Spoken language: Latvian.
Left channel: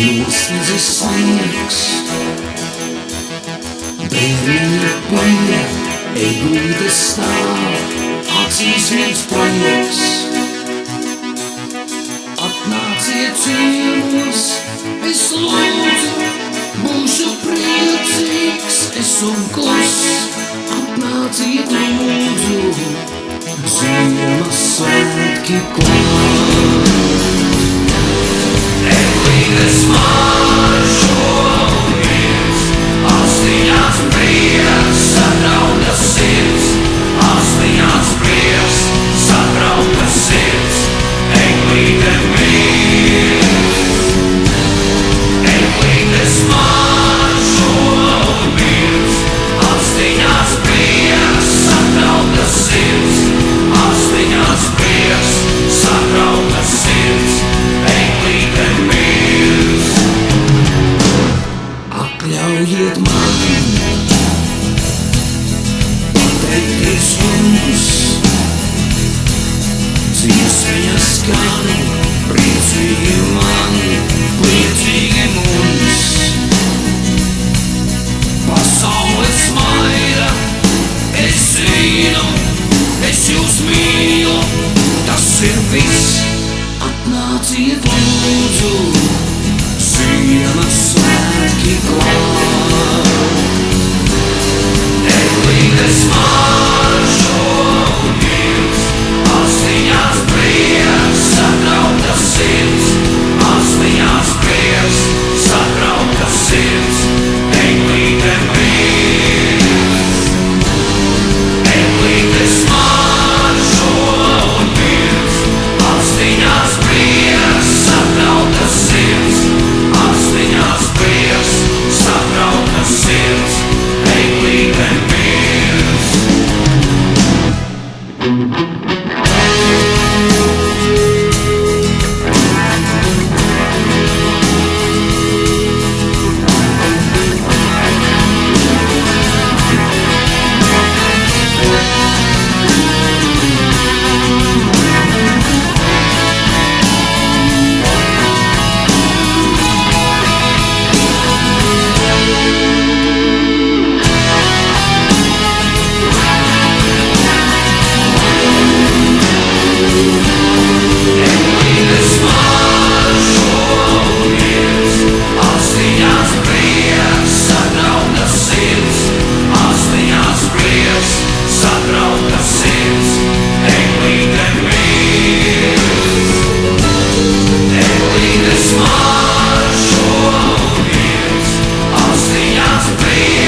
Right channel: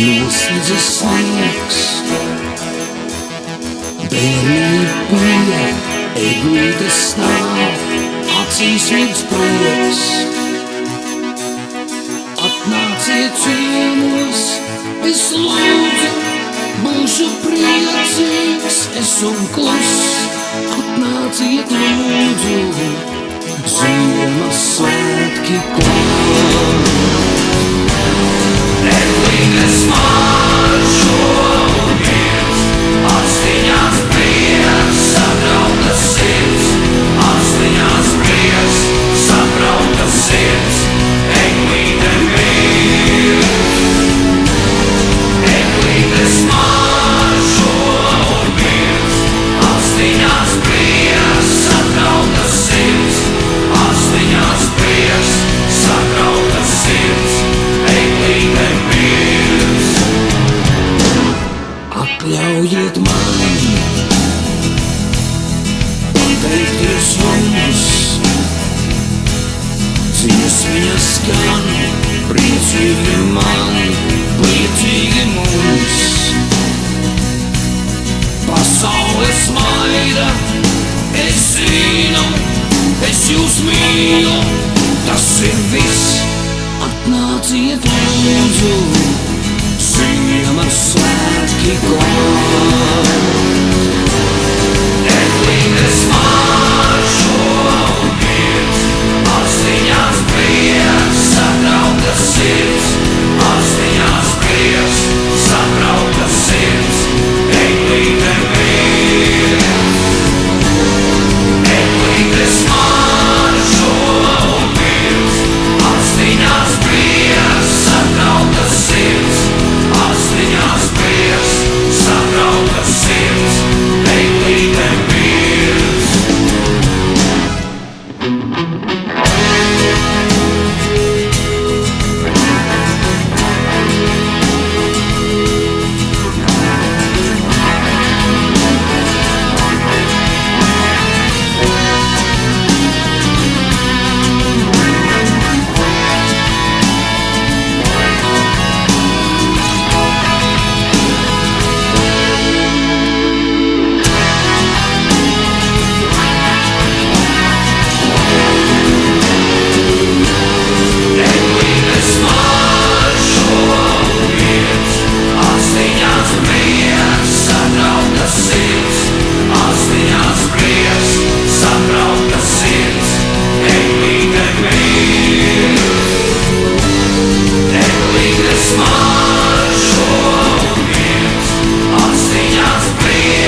Noslēdzas sniegs, bērniņa pie, eglītes stāv, acīs mirds prieks. Atnāciet ciemos, es lūdzu, būšu priecīgs, es un klus. Atnāciet lūdzu, Ziemassvētki klāt. Eglītes maržo un miers, astiņās prieks, satrauktas sirds, astiņās prieks, satrauktas sirds, eglīte mirs. Eglītes maržo un miers, astiņās prieks, satrauktas sirds, astiņās prieks, satrauktas sirds, eglīte mirs. Atļaujiet man pateikties jums, dziesmiņa skan, priecīgi man, priecīgi mums. Pasaule smaida, es zinu, es jūs mīlu, tas ir viss. Atnāciet lūdzu, Ziemassvētki klāt. Eglītes maržo un miers, astiņās prieks, satrauktas sirds, astiņās prieks, satrauktas sirds, eglīte mirs. Eglītes maržo un miers, astiņās prieks, satrauktas sirds, astiņās prieks, satrauktas sirds, eglīte mirs. Eglītes maržo un miers, astiņās prieks,